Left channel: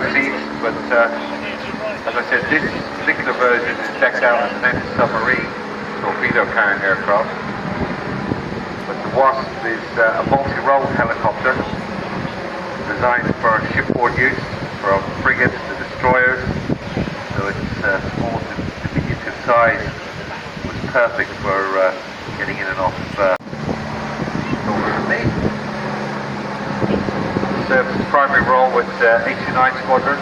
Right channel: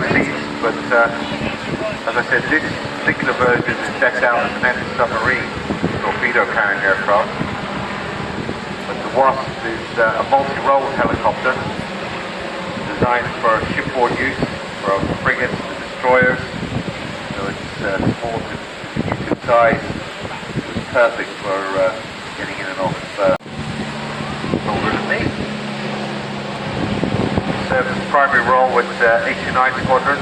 5 seats, but as I said, this particular version is decked out as an anti-submarine torpedo carrying aircraft. The Wasp is a multi-role helicopter designed for shipboard use, from frigates to destroyers, so it's small to diminutive size, which is perfect for getting in and off over the sea. Serves its primary role with 89 Squadron,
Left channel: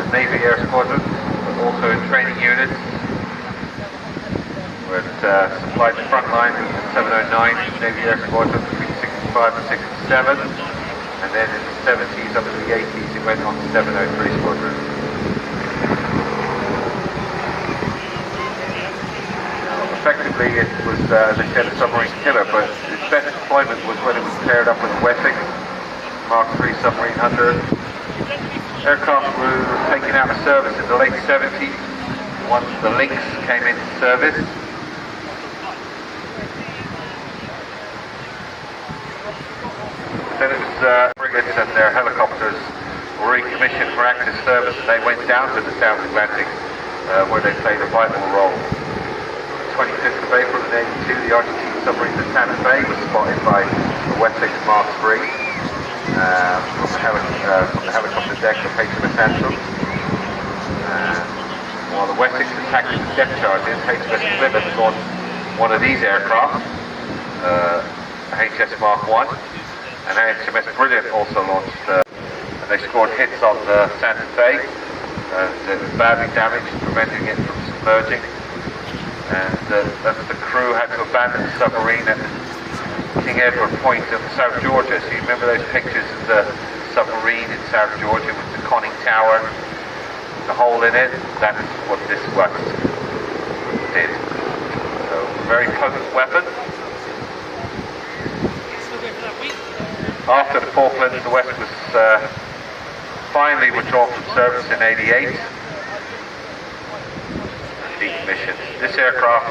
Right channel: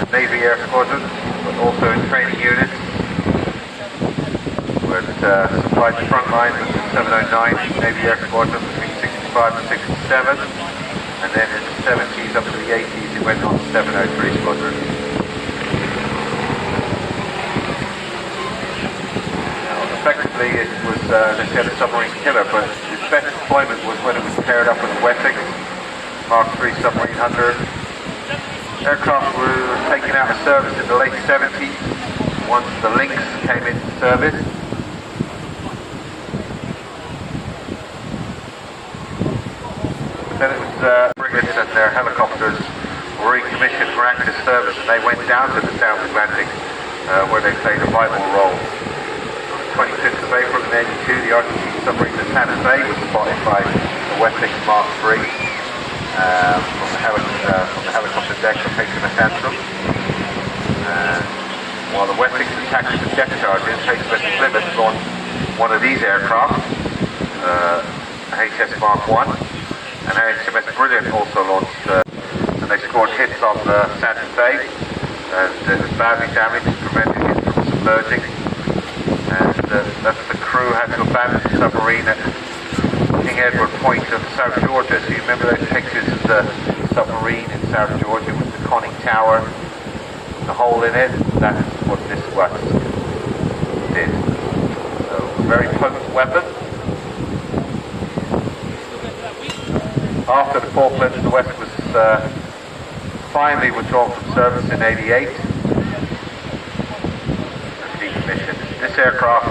the Navy Air Squadron, but also in training units, where it supplied the front line with the 709 Navy Air Squadron between 65 and 67, and then in the 70s up to the 80s it went on to 703 Squadron. Effectively it was, they said, a submarine killer, but its best deployment was when it was paired up with a Wessex Mark III submarine hunter. Aircraft were taken out of service in the late 70s once the Lynx came into service. Then it was frigates and their helicopters were recommissioned for active service, and they went down to the South Atlantic where they played a vital role. 25th of April 1982, the Argentine submarine the Santa Fe was spotted by the Wessex Mark III. The helicopter deck of HMS Anthem. While the Wessex attacked with depth charges, HMS Plymouth launched one of these aircraft, HS Mark I, and HMS Brilliant also launched, and they scored hits on the Santa Fe, and it was badly damaged, preventing it from submerging, and the crew had to abandon the submarine at King Edward Point of South Georgia. So you remember those pictures of the submarine in South Georgia with the conning tower, the hole in it? That's what this Wasp did. A very potent weapon. After the Falklands, the Wasp was finally withdrawn from service in '88. Decommissioned. This aircraft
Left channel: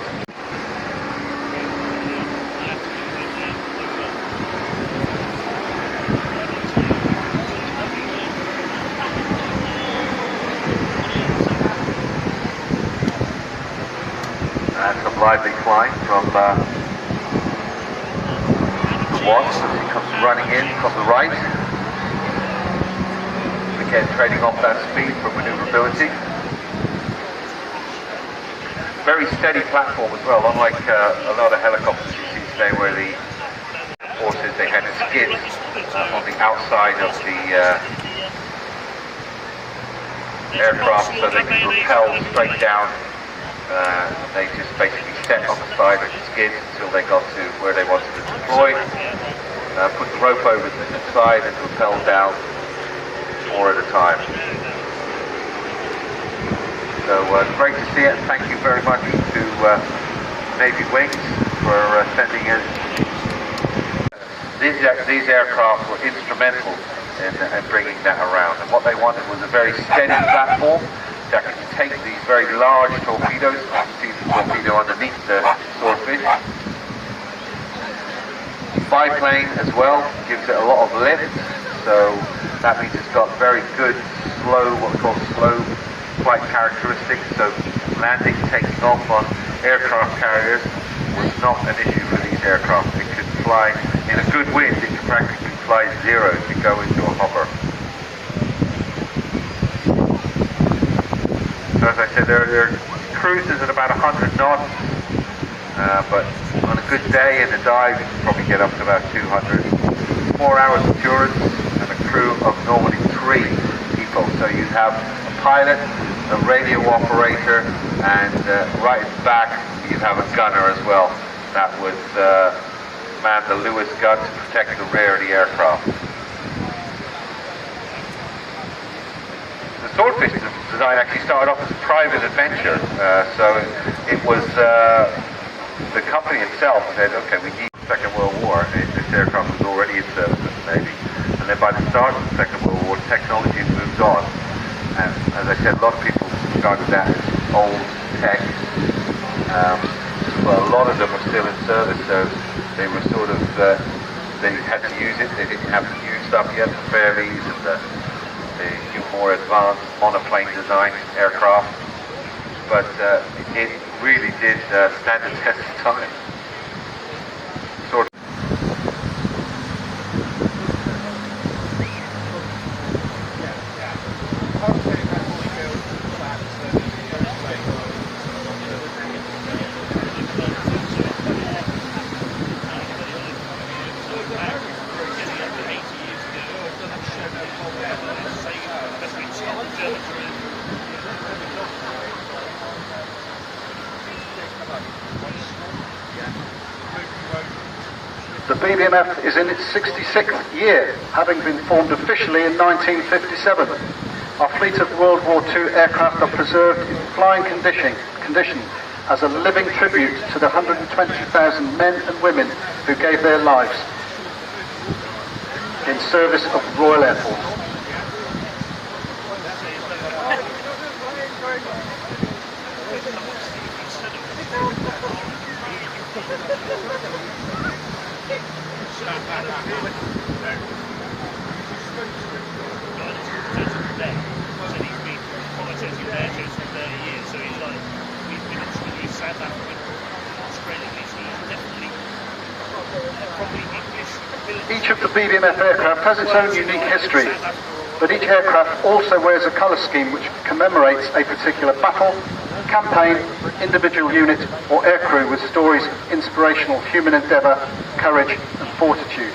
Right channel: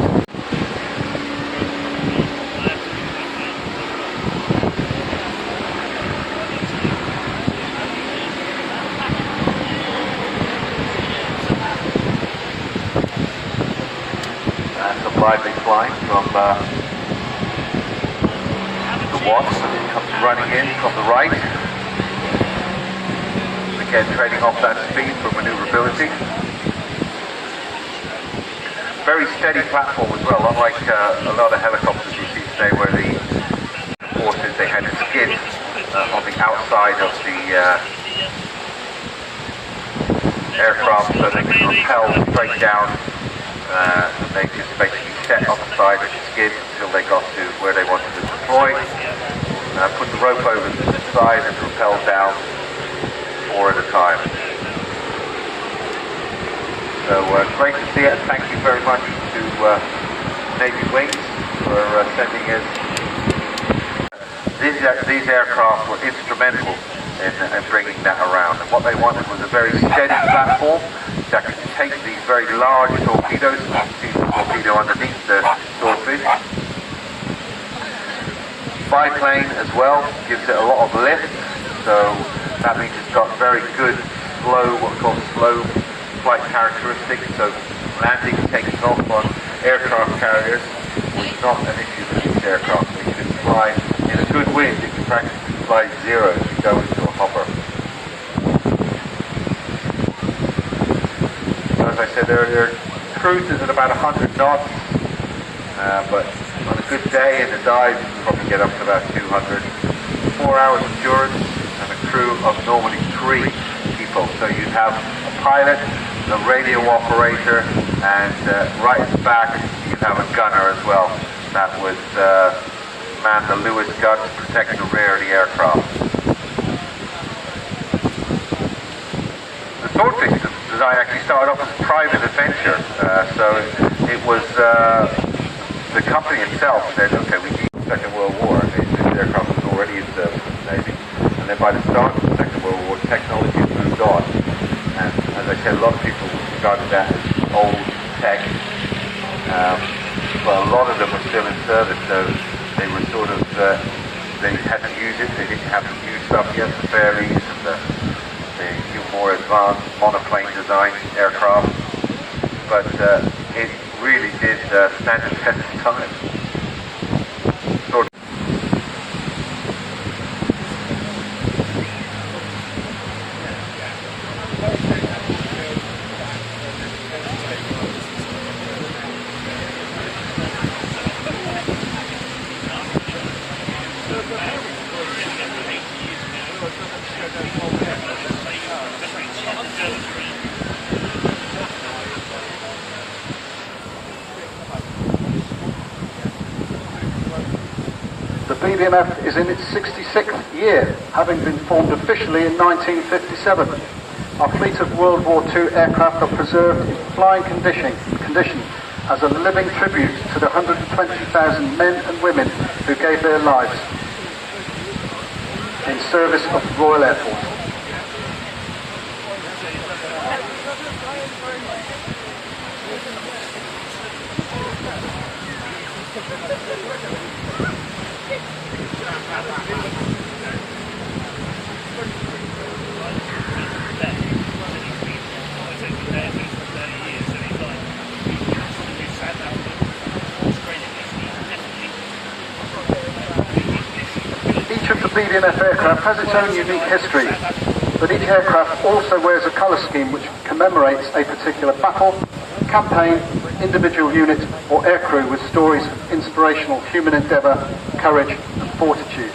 lively climb from the Wasp, comes running in from the right, again trading off that speed for manoeuvrability. Very steady platform as well, unlike a lot of helicopters you see today where the horses, they had skids on the outside of the aircraft so they can propel straight down. They just basically set on the side of the skids until they got to where they wanted to deploy. Put the rope over to the side and propel down 4 at a time. So great to see it. Thank you very much to Navy Wings for sending us. These aircraft were instrumental in bringing that around. And what they wanted was a very steady platform that can take these very large torpedoes. You can see the torpedo underneath the swordfish. Biplane as well, gives it a lot of lift, so that means it's got very good flow, what's called flow flight characteristics, so landing, taking off on aircraft carriers was not an issue for these aircraft. It could fly in a good wind, it could practically fly zero, it could go into a hopper. So as I said, their cruises at about 100 knots, but on a good day in the dive, you probably get up to about 200. 4 hours endurance and a crew of normally 3 people. So you have a pilot, a radio operator, and right at the back you have a gunner as well. That would man the Lewis gun to protect the rear of the aircraft. The Swordfish design actually started off as a private adventure, so it was the company itself said, okay, we need the Second World War. This aircraft was already in service with the Navy, and then by the start of the Second World War, technology had moved on, and as I said, a lot of people regarded that as old tech. Well, a lot of them are still in service, so they were sort of, they had to use it, they didn't have new stuff yet, the ferries and the the new more advanced monoplane design aircraft, but it really did stand the test of time. The BBMF is in its 66th year, having been formed officially in 1957. Our fleet of World War II aircraft are preserved in flying condition as a living tribute to the 120,000 men and women who gave their lives in service of the Royal Air Force. Each of the BBMF aircraft has its own unique history, but each aircraft also wears a colour scheme which commemorates a particular battle, campaign, individual unit or aircrew with stories of inspirational human endeavour, courage and fortitude.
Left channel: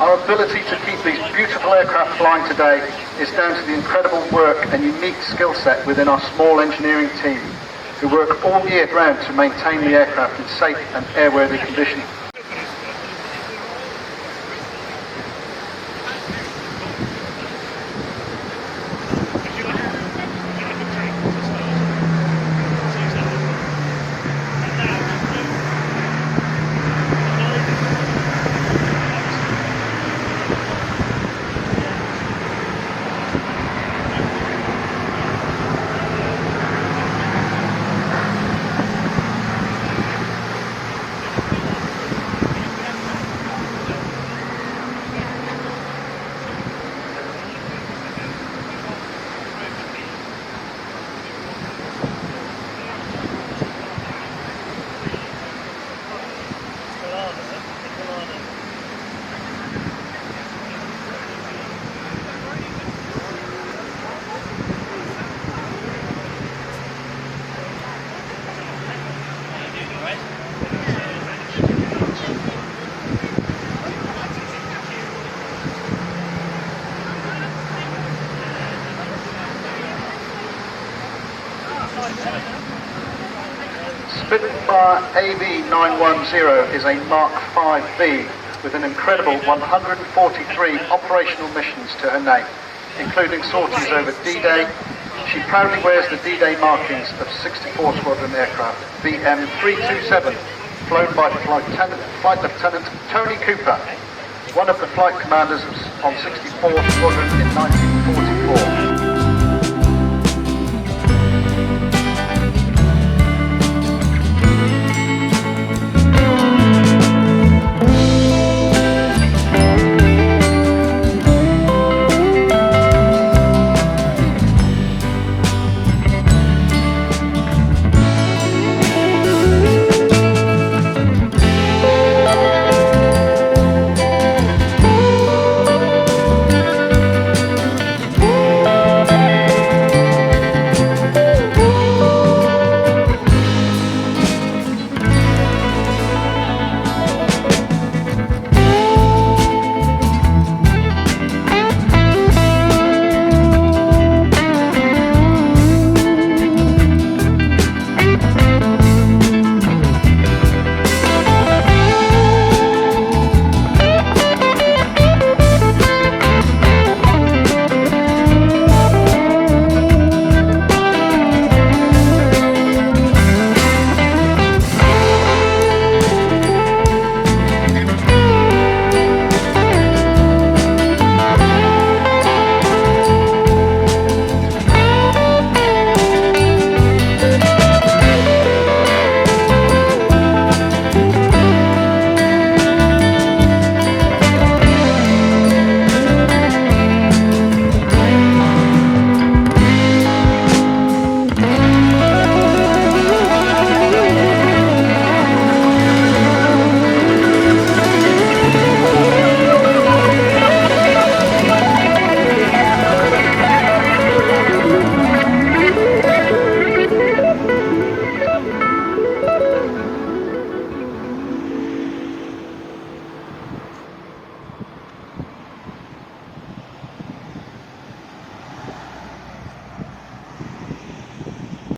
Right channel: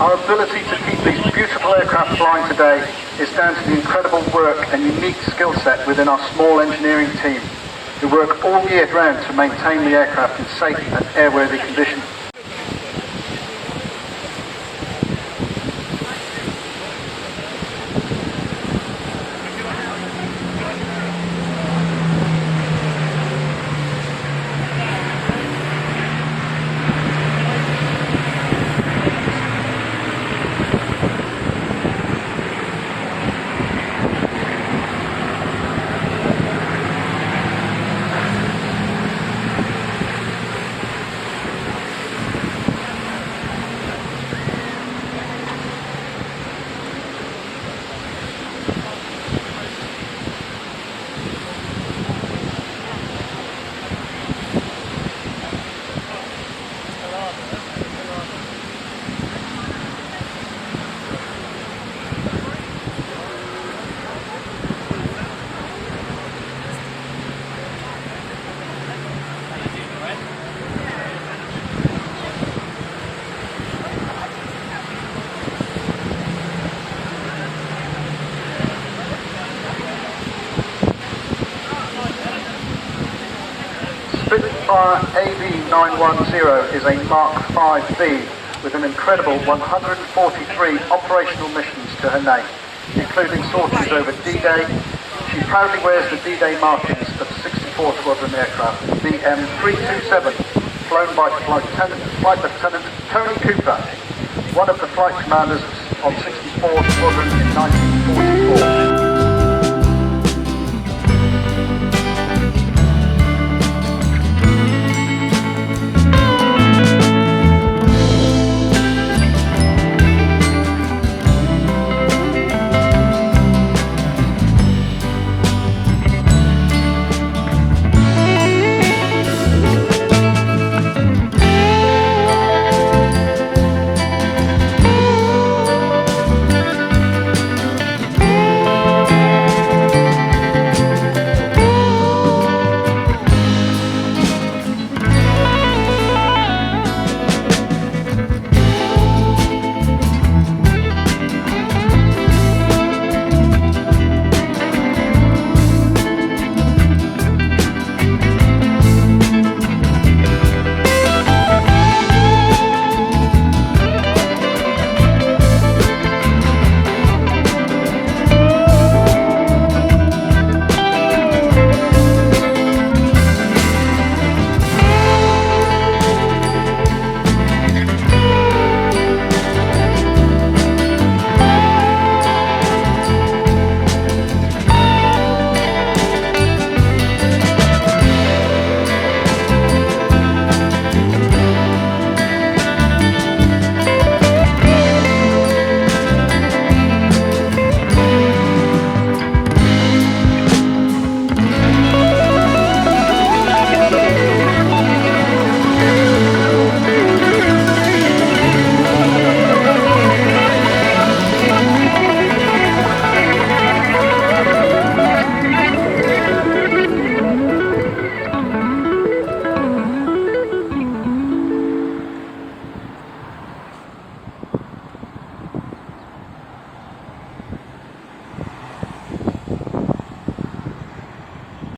Our ability to keep these beautiful aircraft flying today is down to the incredible work and unique skill set within our small engineering team, who work all year round to maintain the aircraft in safe and airworthy condition. Spitfire AV910 is a Mark 5B with an incredible 143 operational missions to her name, including sorties over D-Day. She proudly wears the D-Day markings of 64 Squadron aircraft, BM327, flown by Flight Lieutenant Tony Cooper, one of the flight commanders on 64 Squadron in 1944.